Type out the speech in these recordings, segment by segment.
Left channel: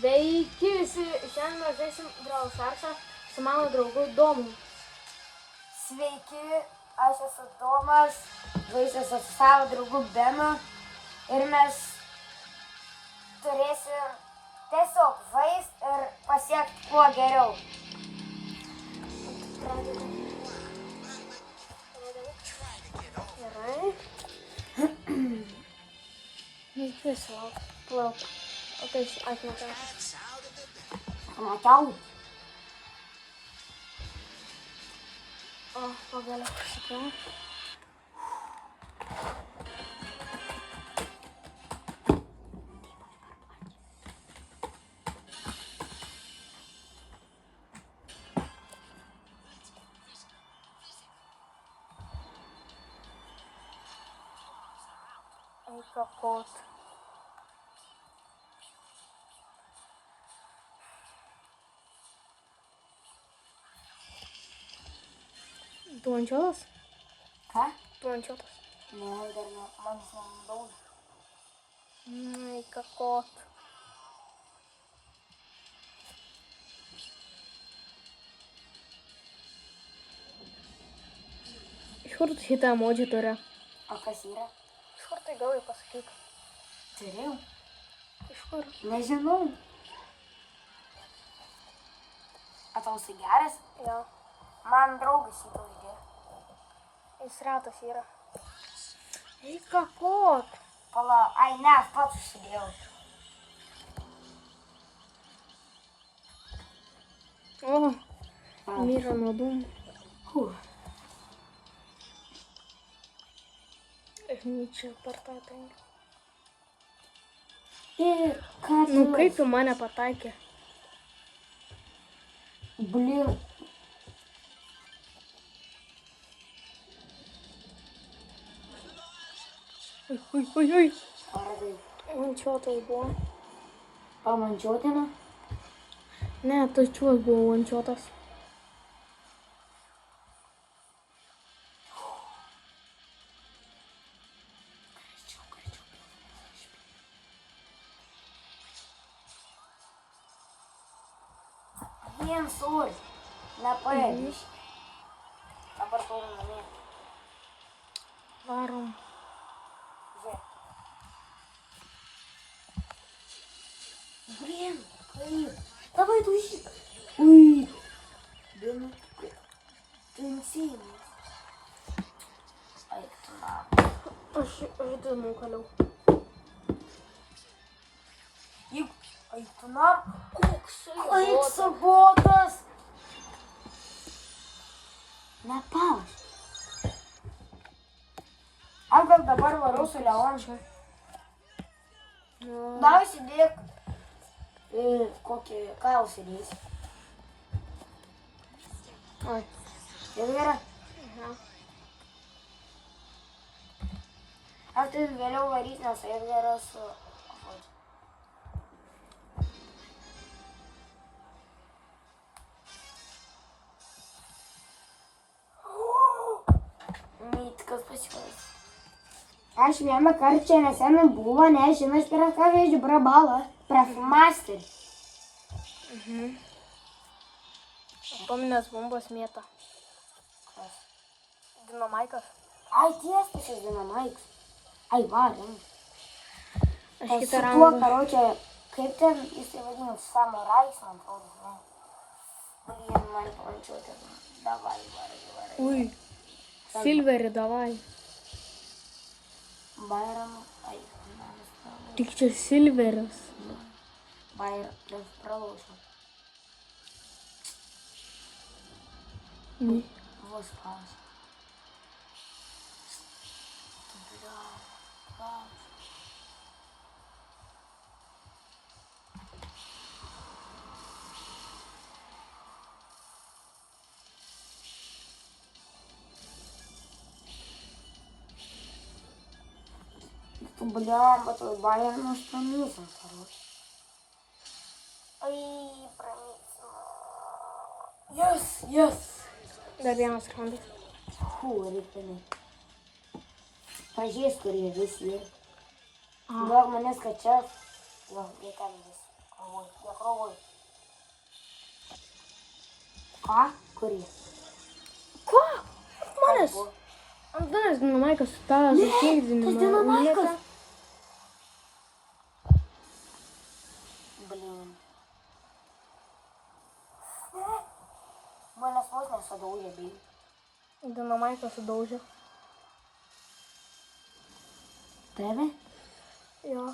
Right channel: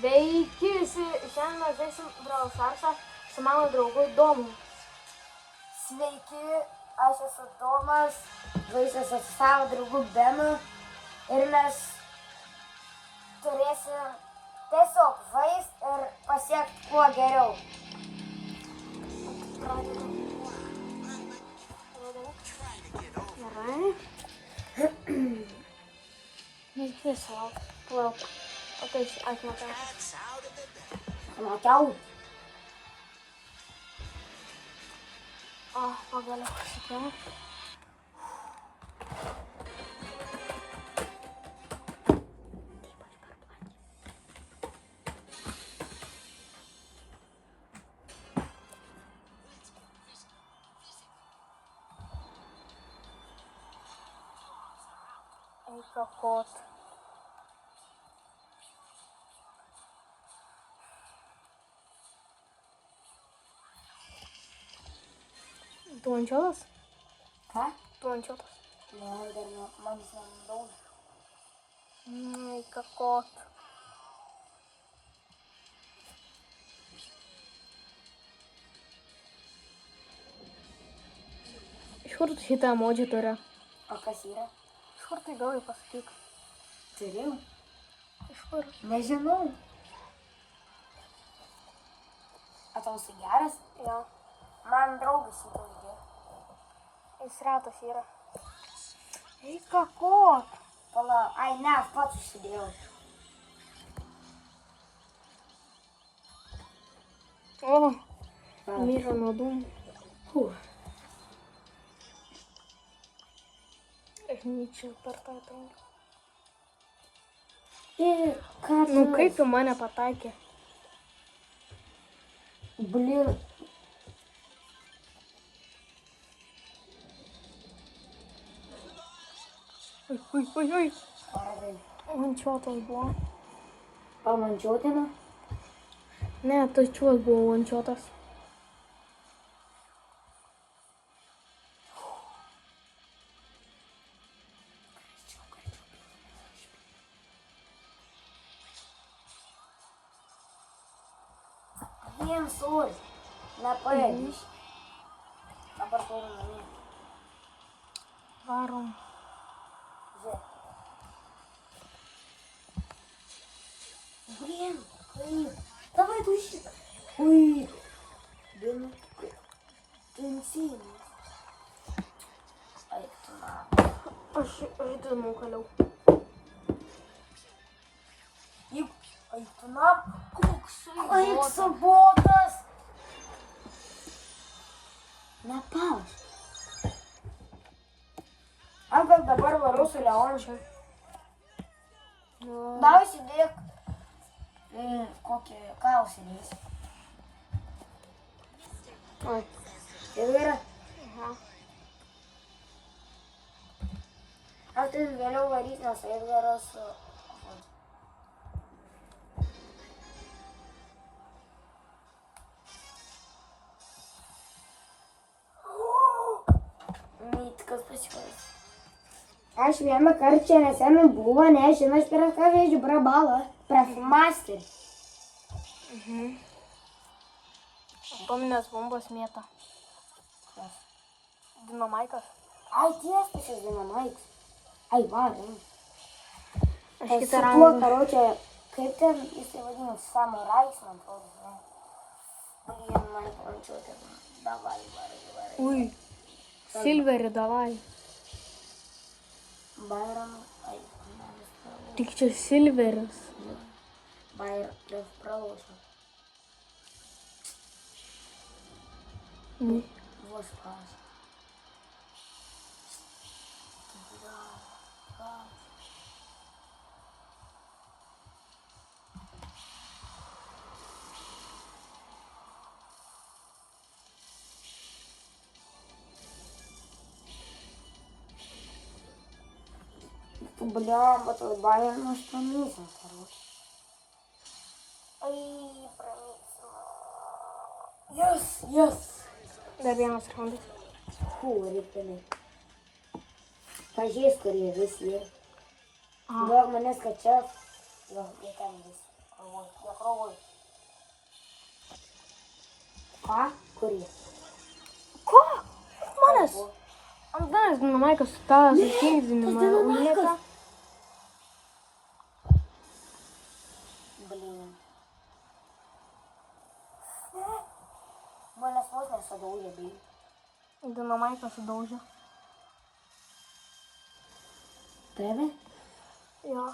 Sveiki visi, šiandien mes žaisim Brawl Starsą su mano draugu Domu. Sveiki, aš esu Domas, žaisiu su savo draugu Benu ir mes turėsim tiesiog žaist ir pasiekti kuo geriau. Gerai. Tiesiog, plok. O tai atmatau. Matau. O, pagaliau pasikrauk. Eika kot. Tu ančiotas? Ką? Tu ančiotas. Ne, dar man nedaug. Eika kot. Iš kur tu šitą emodžį turi? O kas yra? Iš kur tai gavai, pasakyk? Turėjau? Iš kur? Nežinau. O tau jisai geras? Jo. Man draugas šitą uždėjo. Jis retas yra. Eika kot. Pala, ai ne, aš pats užsidėjau. O, myža nuo dūmų. Čia per tą penkią. Ir ką tu? Nu kaip tu mane pataikė? Blin. Ui. Paradai. Vančiotas buvo. Pamančiuotina? Ne, tačiuos buvo vančiotas. Vien suri. Nepaėdys. Dabar turim namie. Varom. Žiūrėk. Blin, kaip? Davai tu šitą. Ui. Blin, tensynas. Ai, tu na. Aš žaidimų kaliau. Ai, tu na. Koksai botas. Nepaus. Aš gal dabar varu su Leončiu. Davai įsidėk kokį ką užsidės. Oi. Jau yra. Aha. Aš tai vėliau varyt, nes Edgaras Mytkas pasikas. Aš vieną kartą čia nesenai buvo, nežinas, prieš ką vėžiu prabalą. Prieš masterį. Atominės bombos mėta. Dinamaikas. Ai, tiesas šis dinamaikas. Ai, varim. Aš Su kitą tuo, raundą. karočią, kaip ten jisai vadinasi, samurajs, man atrodo, žinai. Blin, man palančiuoti. Davai, varai. Ui. Silverį davai. Bayram, ai, Tik čia silveris. Bayram, pralošiau. Vos paus. Бля, твой Байерн уж пронесен, короче. Ай, пронесен. Yes. Dar vienas raundas. Фу, репелит. Pažiūrės, kur jie visi yra. Gal mane skačias. Jo, jie ten visi. Galvoju, jo. krovoj. Ką? Kurį? Ko? Manęs. Antanas Dinamaikas su tą žaidimą. tas Dinamaikas. Blin. Manęs vos nesadaužė, bei. Dinamaikas sudaužė. Tave? Jo.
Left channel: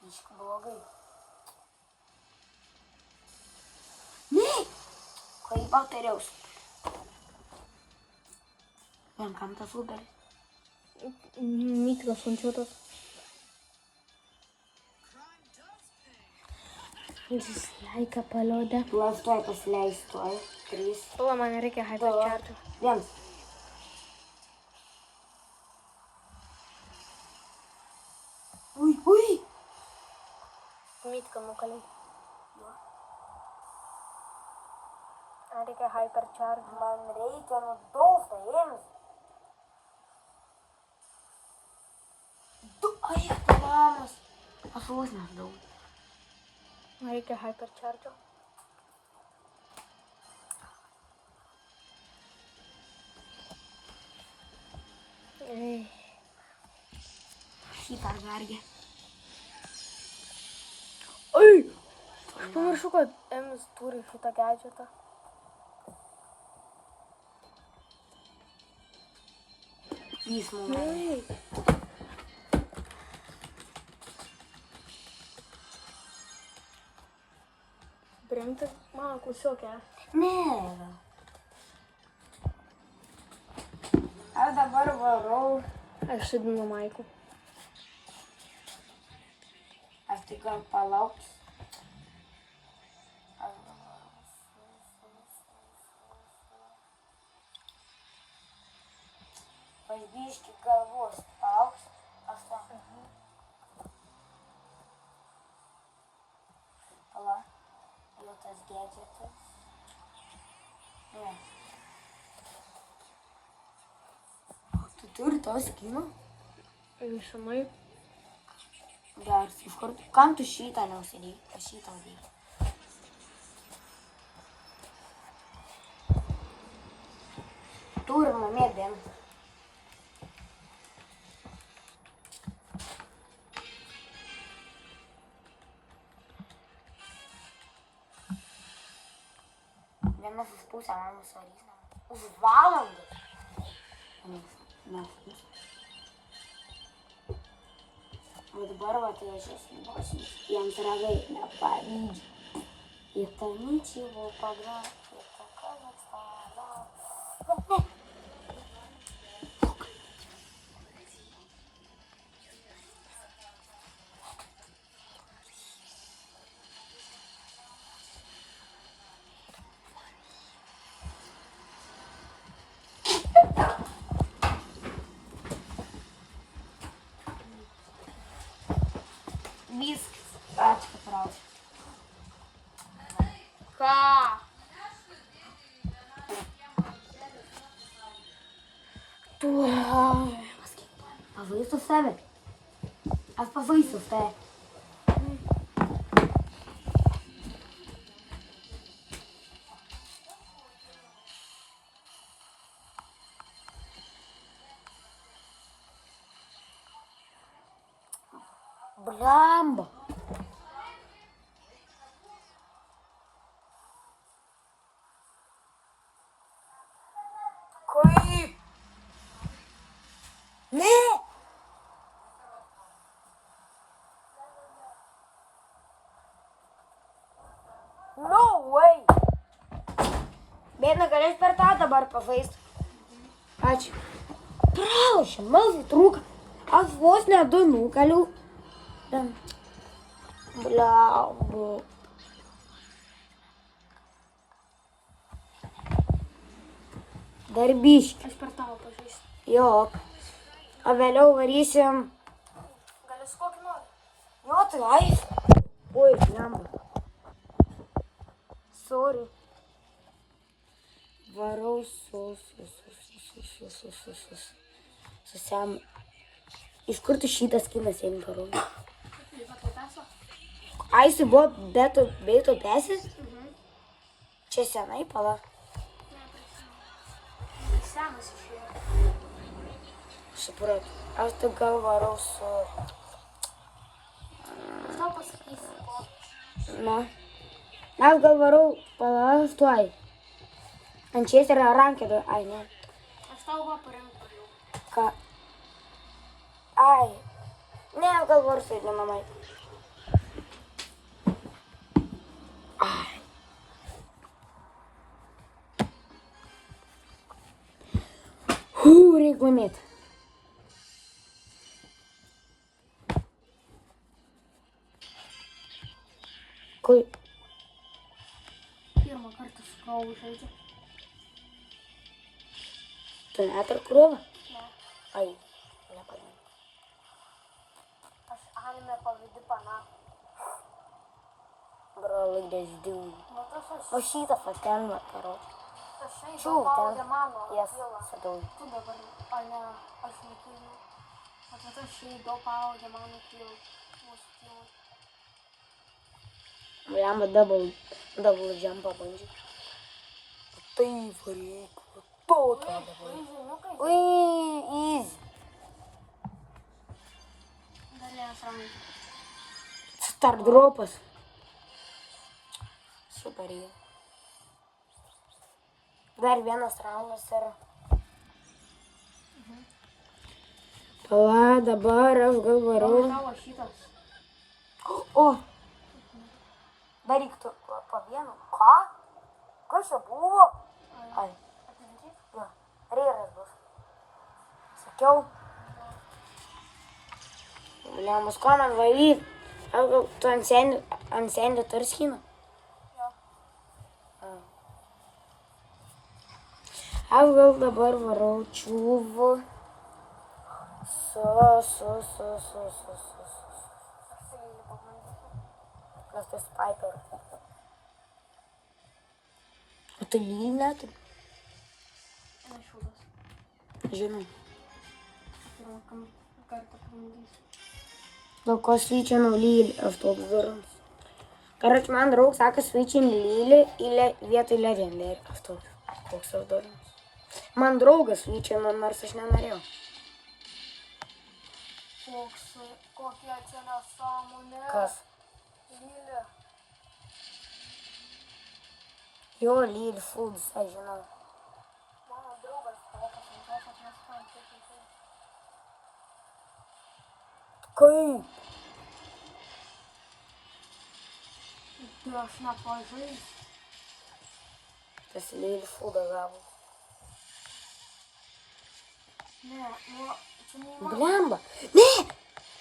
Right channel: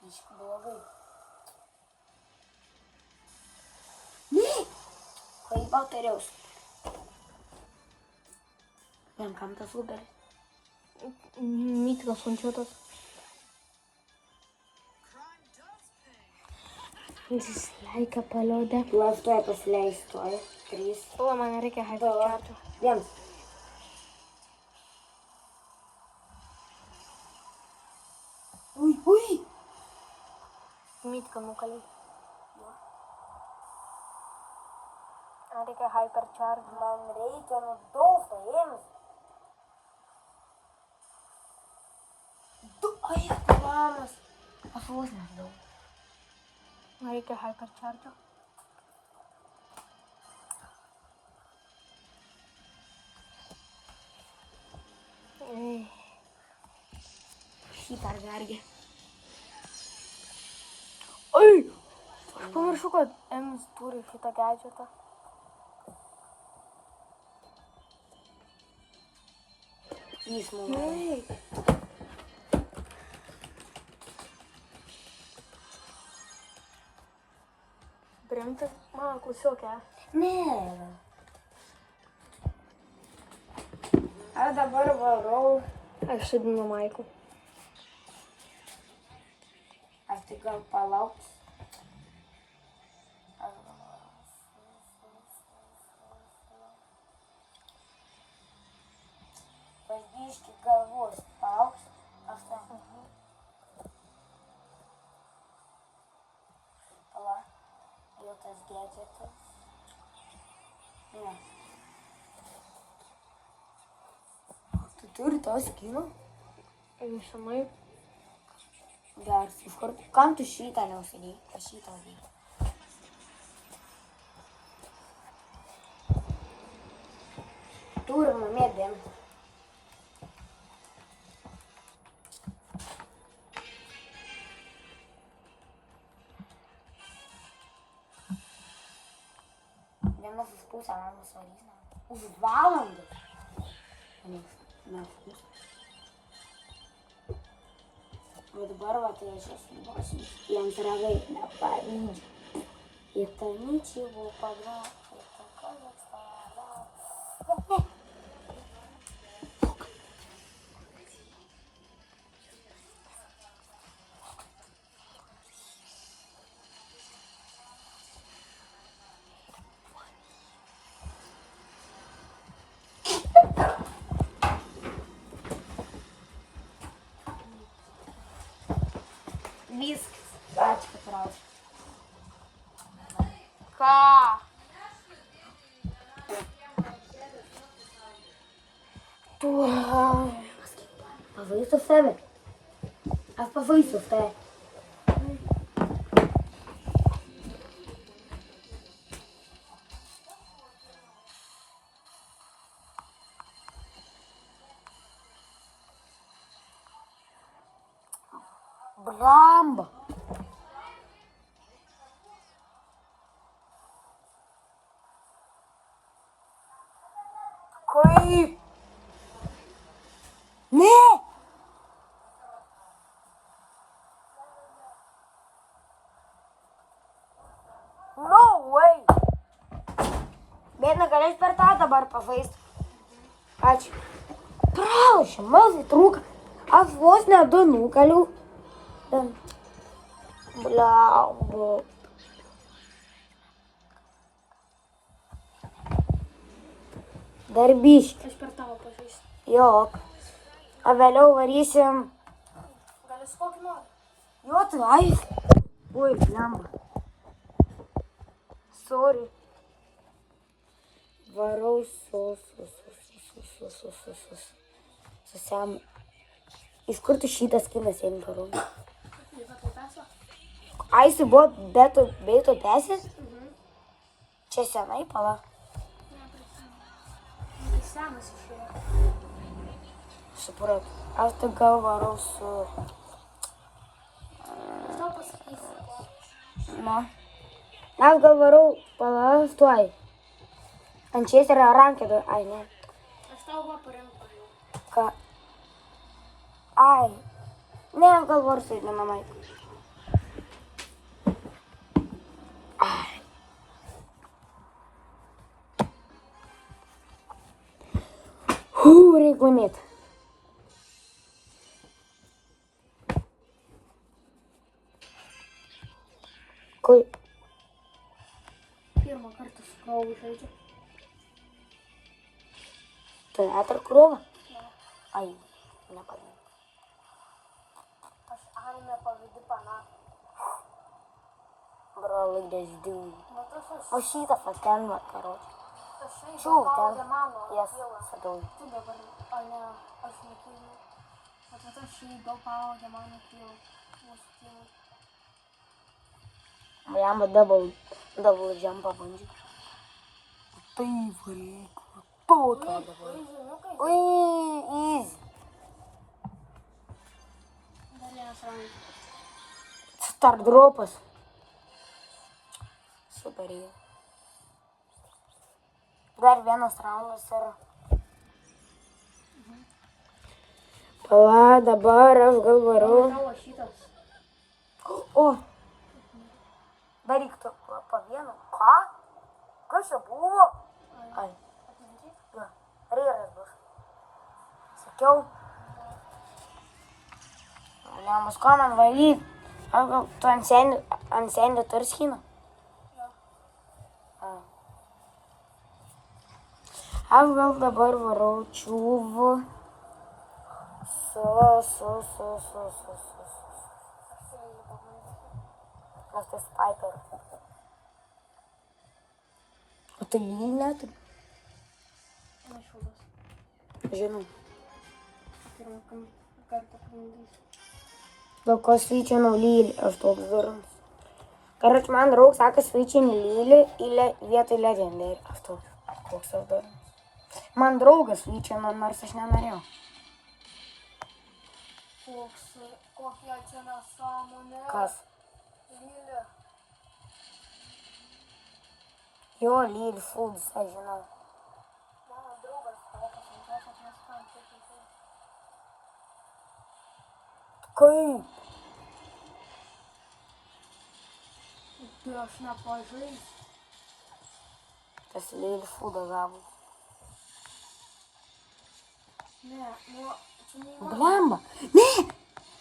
Biškai blogai. Ne! Kaip bakteriaus. Vien kam tas uberis? Mytkas končiuotas. Dislaiką paliodę. Tu aš tuoj pasileisiu, tuoj. 3, O, man reikia hypercharto. 1. Ui, ui! Mytką nukalė. Man reikia hypercharto. Man reikia nudolta, ėmės. Ai, tu lamas. Aš vos nežinau. Man reikia hypercharto. Šitą vergę. Ai! Aš pamiršau, kad Emis turi šitą gadgetą. Jis mums. Bremta mano klasiokė. Ne. Aš dabar varau. Aš su Dinamaiku. Aš tik gal palauksiu. Paždyški galvos palauks. Aš ten. Pala. Jau tas gadgetas. Ne. Tu turi to skino? Išamai. Geras, iš kur? Kam tu šitą neusidėjai? Aš šitą dėjau. Turim namie dėm. Vienas už pusę mamos varys. Už valandą. Na. O dabar va tai aš esu jam tragai nepavyzdžių. Ir tai ničego pagrauti. Viskas. Ačiū, kad rašai. Ką? Tu. Pavaisus tave. Aš pavaisus tave. Blamba. Kaip? Ne! No way! Bet negalės per tą dabar pavaist. Ačiū. Praušia, malai trūka. Aš vos ne du nukaliu. Blemba. Darbiški. Aš per tavo pažįstu. Jok. O vėliau varysim. Gali su kokį nori? Jo, tai ai. Oi, blemba. Sorry. Varau su Sam. Iš kur tu šitas kinas ėmė varau? Jūs atlaipėsą? Ai, jisai buvo beito tesis? Čia senai, pala. Tai senas išėjo. Suprat. Aš tik gal varau su... Aš tau pasakysiu, ko. Na. Aš gal varau, pala, tuoj. Manchesterio rankedo, ai, ne. Aš tau va parinko jau. Ką? Ai. Ne, aš gal varu su mamai. Reik laimėti. Kur? Pirmą kartą su krovu žaidžiu. Tu net ir krūvą? Ne. Ai, nepadėjau. Aš anime pavidi pana. Bro, like this dude. Nu tas aš. O šitą ten vakaro. Aš Čiau, žaidžiu ten. paudė mano. Jas, Kilo. sadau. Tu dabar, o ne, aš nekyliu. O tas aš žaidžiu paudė mano kilo. Mūsų kilo. Jam double jumpą bandžiau. Tai varyk. Tokia dabar. Žiniukai. Ui, easy. Dar vienas raundas. Start dropas. Super jie. Dar vienas raundas ir... Pala, dabar aš gal varau. Tavo šitas. O! Dar reiktų po vienu. Ką? Kas čia buvo? Ai. Atminti? Va, reiras bus. Sakiau. Bliamas, ko man valyt? Aš gal tu ant sendį turi skyną? Jo. Aš gal dabar varau čiūvų. Aš tai pabandysiu. Nes tai sniper. O tu lyg net? Nešūdas. Žinau. Pirmą kartą pabandysiu. Dėl ko svyčianu lylį, aš toks durnas. Karač, man draug sako svyčianu lylį vietoj legendary. Aš toks, koks aš durnas. Man draugas svyčianu, nors aš nenorėjau. Kokia čia nesąmonė. Kas? Lylė. Jo, lylį foods, aš žinau. Mano draugas tokas, kad neskam taip. Kaip? Tai aš nepažaisiu. Tas lylį foodą gavo. Ne, nu, čia neįmanoma. Blemba. Ne!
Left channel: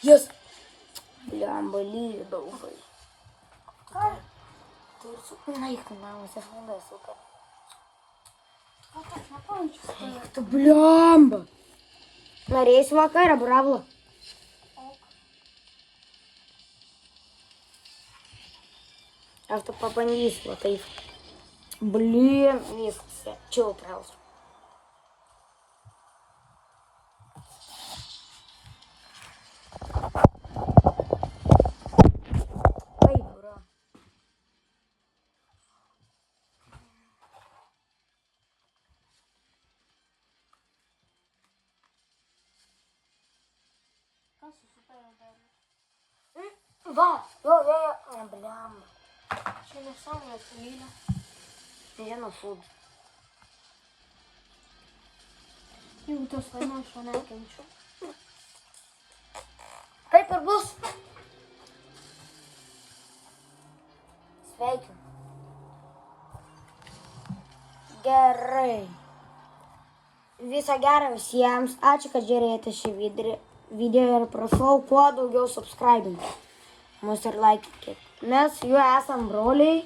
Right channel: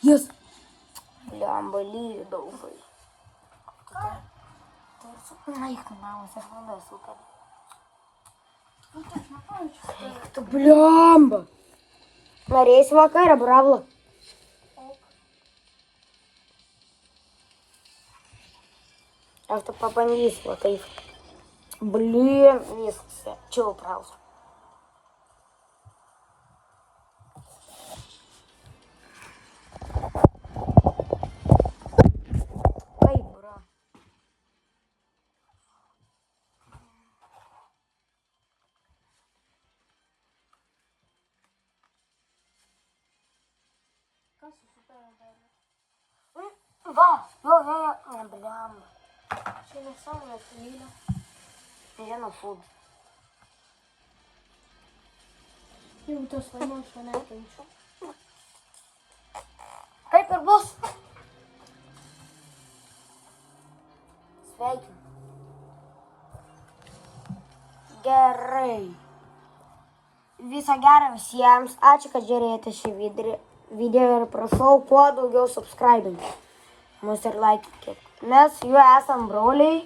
Jis. Blemba, lylį daugai. Ką? Tai ir super naikinamas, aš labai super. Aš nepažaisiu. Tu blemba. Norėsi vakarą, bravla. Aš tu pabandysiu, va taip. Blin, viskas. Chill trausiu. Ai, bra. Kas susipėjo dar? Va, jo, blemba. Čia nesąmonė, tai lylė. Vieno food. Jeigu tas laimė, aš to nekenčiu. Taip ir bus. Sveikinu. Gerai. Viso gero visiems. Ačiū, kad žiūrėjote šį video ir prašau kuo daugiau subscribinti. Mus ir laikykit. Mes su juo esam broliai.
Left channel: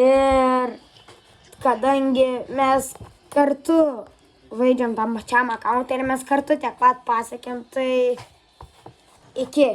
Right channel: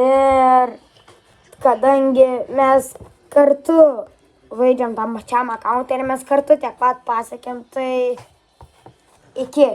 Ir kadangi mes kartu žaidžiam tam pačiam akauntą ir mes kartu tiek pat pasiekėm, tai iki.